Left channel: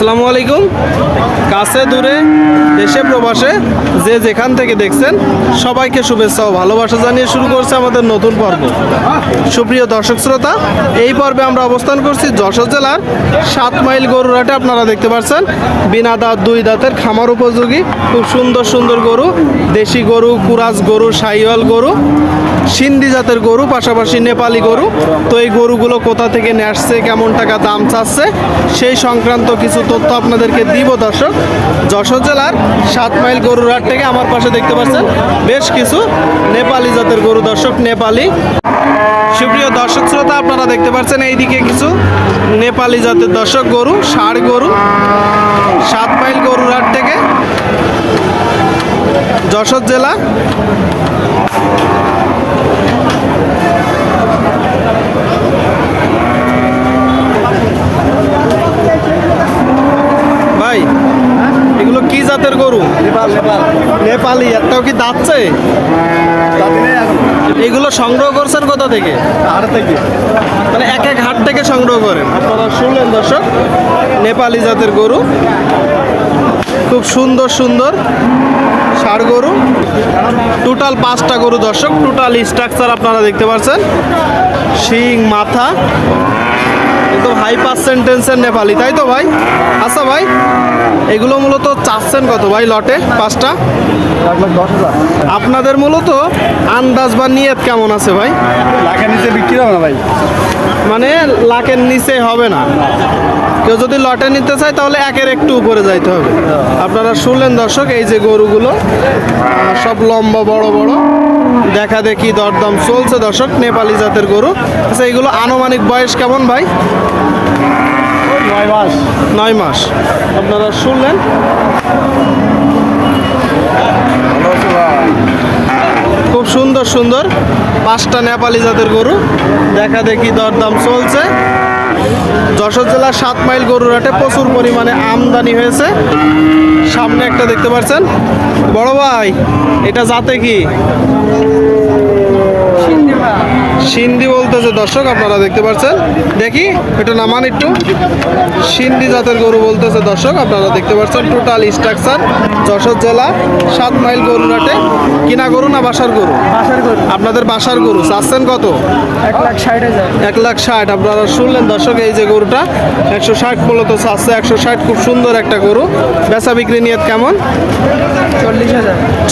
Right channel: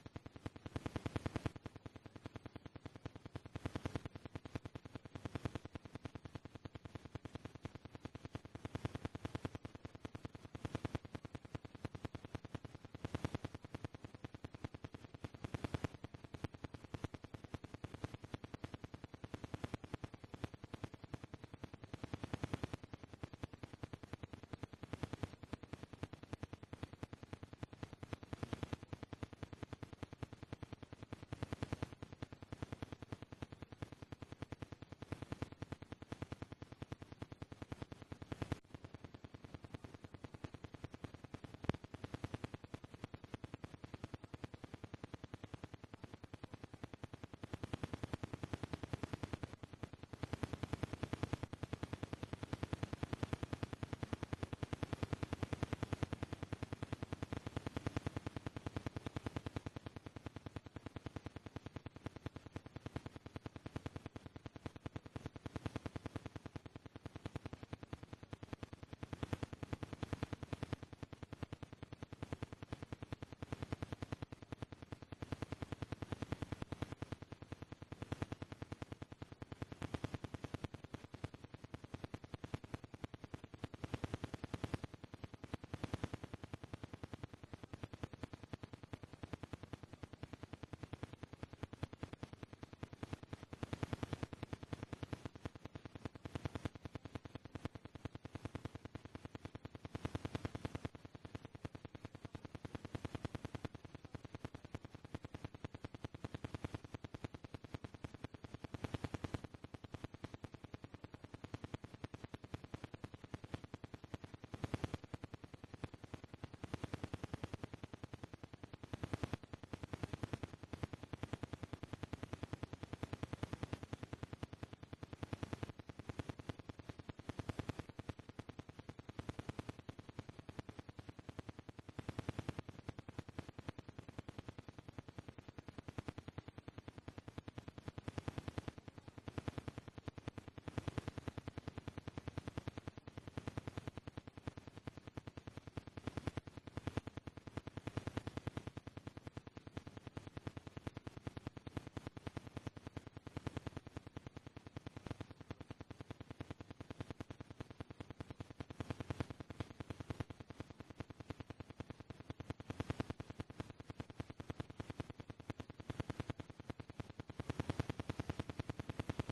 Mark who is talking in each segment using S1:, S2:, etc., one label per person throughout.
S1: আসসালামু আলাইকুম। কাছে দূরে, দেশে প্রবাসে যে যেখান থেকে দেখছেন, সবাইকে শুভেচ্ছা ও ভালোবাসা জানিয়ে শুরু করছে আমাদের নতুন পর্ব। সুপ্রিয় দর্শক শ্রোতা, এই পর্বে আমরা অবস্থান করছি যশোর জেলার সাত মাইল গরুরহাটে আপনারা দেখতে পাচ্ছেন, বিনা দাঁত, দুই দাঁতের খামার উপযোগী। খুব সুন্দর সুন্দর গরু, দেশি গরু, কুরাজ গরু, সাইওয়াল গরু, সিন্ধি জাতের গরু, পাশাপাশি নেপালি গরু। তো এই গরুগুলো কোথা থেকে নিয়ে আসছে, কেমন টাকা দাম চাচ্ছে, সেই সংক্রান্ত কিছু তথ্য আপনাদেরকে দিব, দর্শক। যশোর জেলার সাত মাইল গরুর হাট থেকে আমার পাশে দেখতে পাচ্ছেন বেশ কিছু নেপালি জাতের গরু, দর্শক, নেপালি। সুপ্রিয় দর্শক শ্রোতা, আপনারা দেখতে পাচ্ছেন এইদিকে কিছু নেপালি জাতের দর্শক গরু, ষাড় গরু। সাত মাইল গরুর হাট থেকে যশোর জেলা ভাই? এগুলো কি জাতের গরু? নেপাল একটাও কি দাঁতছে এগুলো সংগ্রহ করছেন কোথা থেকে? আর থেকে। মানে এক এক হাট থেকে সংগ্রহ করেন? আপনারা শুনলেন দর্শক? নেপালি জাতের গরু। খুব সুন্দর সুন্দর ষাড় গরু। টোটাল পাঁচটা গরু দর্শক। টোটাল স্ট্রাকচার আপনারা দেখতে পাচ্ছেন। শিং মাথা। হাই পার্সেন্টেন্সের নেপালি, তাই তো ভাই? আচ্ছা ভাই, এগুলো মূলত চাচ্ছেন কত ভাই লটে, পাঁচটা? আপনাদের মূলত আন্দাজ বা নিয়ত কেমন আছে ভাই?
S2: লাখের নিচে বিক্রি হবে না ভাই।
S1: মানে লাখের নিচে হবে না। কেউ যদি লটে নিতে চায়, তাহলে একের একটু উপরে যাইতে হবে। আপনারা শুনলেন দর্শক, এই যে গরুগুলো সব লম্বা, বড় বড়। দেখা দেখি দরদাম চলছে দর্শক, নেপালি জাতের গরু। আচ্ছা এইগুলো আনুমানিক বয়স কেমন ভাই? নয় মাস নয় মাস। আপনারা শুনলেন? খুব সুন্দর সুন্দর। পাঁচটা নেপালি জাতের গরু। দেখা দেখি দরদাম চলছে। যশোর জেলার সাত মাইল গরুর হাটে প্রচুর পরিমাণে আমদানি হয়েছে। সামনে একটা দেখতে পাচ্ছেন। বড় ভাই, এটা জাতে কি? সিন্ধি বলতেছে দর্শক আপনারা দেখতে পাচ্ছেন। দেখি এটা নামান একটু। সিন্ধি জাতের গরু বলতেছে দর্শক আপনারা দেখতে পাচ্ছেন টোটাল স্ট্রাকচার যশোর জেলা সাত মাইল গরুরাটে কিনা গরু না বাসার গরু? বাসার গরু। আপনাদের বাসার গরু চাচ্ছেন কত? এক লাখ ষাট এক লাখ ষাট আপনারা শুনলেন দর্শক এই যে গরুটা একশো ষাট মূলত চাচ্ছে একশো ষাট খুব সুন্দর একটা গরু। বেচা বিক্রি নিয়ে কেমন?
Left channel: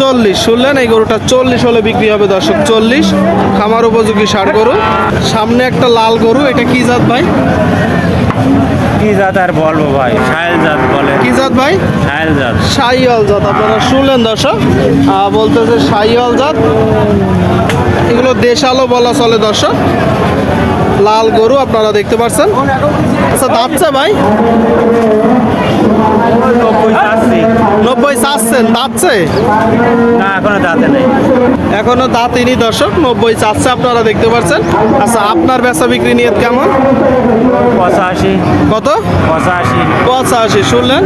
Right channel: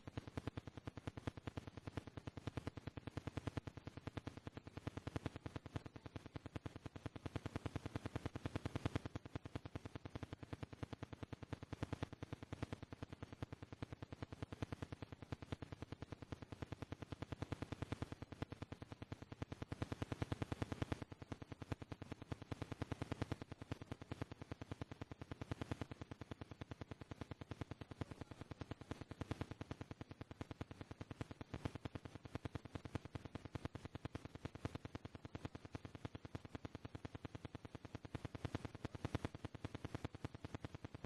S1: চল্লিশ শুনলেন এই গরুটা চল্লিশ হলে বিক্রি হবে দর্শক চল্লিশ। খামার উপযোগী ষাট গরু সামনে একটা লাল গরু এটা কি জাত ভাই?
S2: কি জাত আর বলব ভাই? সাহেল জাত বলে। কি জাত ভাই? সাহেল জাত।
S1: সাইওয়াল জাত আপনারা শুনলেন দর্শক? বলতেছে সাইওয়াল জাত। এগুলো দেশালো বলা চলে দর্শক। লাল গরু আপনারা দেখতে পাচ্ছেন আচ্ছা দাঁতছে ভাই? চাচ্ছেন দাঁতছে?
S2: না এখনও দাঁতে নেই।
S1: এখনও দাঁতিনি দর্শক নব্বই চাচ্ছে আপনারা দেখতে পাচ্ছেন। আচ্ছা আপনার বেচা বিক্রি নিয়ে কেমন? পঁচাশি। কত? পঁচাশি। পঁচাশি শুনলেন?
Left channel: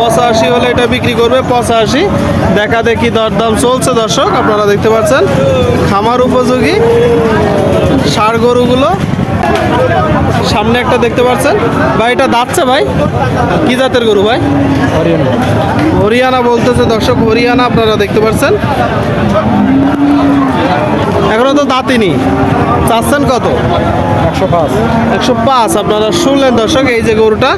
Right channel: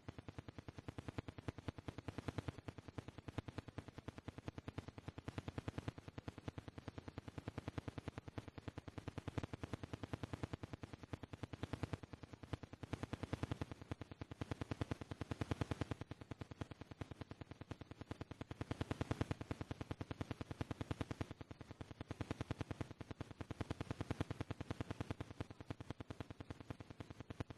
S1: পঁচাশি হলে এটা বিক্রি করবে পঁচাশি। দেখা দেখি দরদাম চলছে দর্শক আপনারা দেখতে পাচ্ছেন। খামার উপযোগী ষাড় গরুগুলো সামনে একটা দেখতে পাচ্ছেন। ভাই এটা দাঁতছে ভাই? কি জাতের গরু ভাই? হরিয়ানা। বলতেছে দর্শক হরিয়ানা আপনারা দেখতে পাচ্ছেন। এখনও তো দাঁতিনি চাচ্ছেন কত? একশো পাঁচ। একশো পাঁচ আপনারা শুনলেন দর্শক এই যে গরুটা।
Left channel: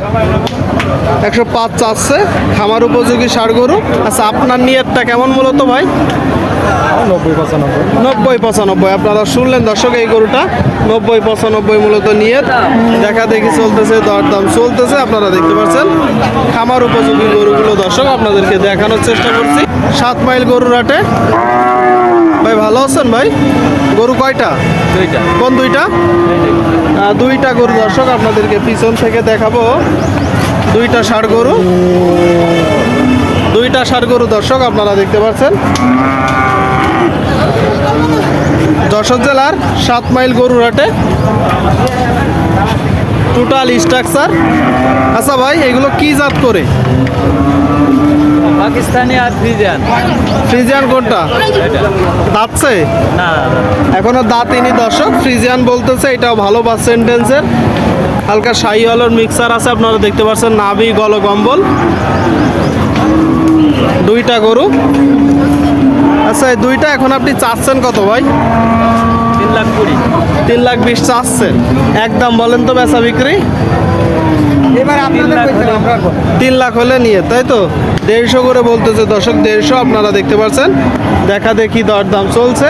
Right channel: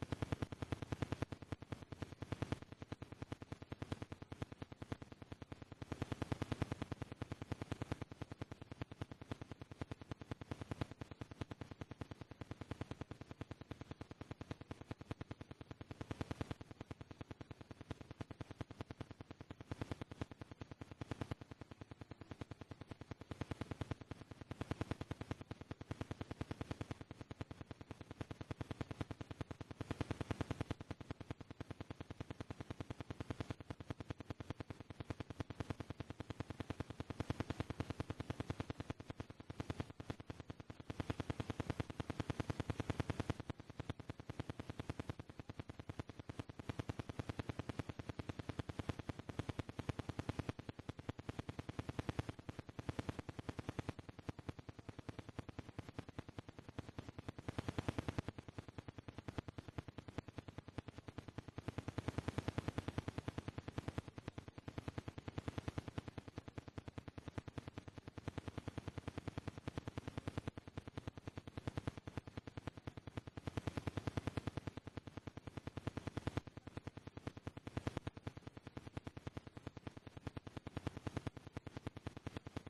S1: একশো পাঁচ চাচ্ছে খামার উপযোগী ষাড় গরু। আচ্ছা আপনার নিয়তটা কেমন মূলত ভাই? নব্বই পঁচানব্বই। আপনারা শুনলেন দর্শক এই গরুটা নব্বই পঁচানব্বই মূলত নিয়ে দেখা দেখি চলতেছে দরদাম চলতেছে আপনারা দেখতে পাচ্ছেন। খামার উপযোগী গরুগুলো দর্শক আপনাদেরকে দেখানোর চেষ্টা করছি। সাত মাইল গরুর হাটে। ভাই ভালো আছেন ভাই? গরু কয়টা? দুইটা। কোন দুইটা? দুইটা গরু দর্শক আপনাদেরকে পিছন থেকে দেখাবো। দুইটা ষাড় গরু। দুইটা ষাড় গরু দর্শক আপনারা দেখতে পাচ্ছেন। যশোর জেলার সাত মাইল গরুর হাটে টোটাল স্ট্রাকচার আচ্ছা ভাই এগুলো কি জাত করে?
S2: পাকিস্তানি আর ফ্রিজিয়ান।
S1: ফ্রিজিয়ান কোনটা? দাঁতছে? না। এখনও দাঁত ইনি দর্শক ফ্রিজিয়ান বলতেছে এটাও ভালো পার্সেন্টেন্সের হালকা শাহি আলোর মিক্সার আছে আপনারা দেখতে পাচ্ছেন নাভি গলকম্বল দুইটা গরু। আচ্ছা এই দুইটা এখন আপনি চাচ্ছেন কত ভাই? তিন লাখ কুড়ি। তিন লাখ বিশ চাচ্ছেন। একদম বলেন তো বেচা বিক্রি। এবার আপনাদের তিন লাখ হলে। নিয়ে তাই তো? দেড়শো করে বলতেছে দর্শক দেড়শো আপনারা দেখতে পাচ্ছেন দেখা দেখি দরদাম চলছে।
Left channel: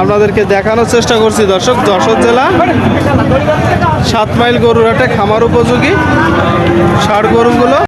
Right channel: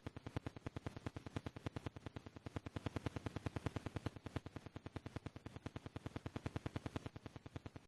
S1: আপনাদেরকে দেখানোর চেষ্টা করছি দর্শক যশোর জেলা সাত মাইল গরুর হাটে খামার উপযোগী। ষাট গরুগুলো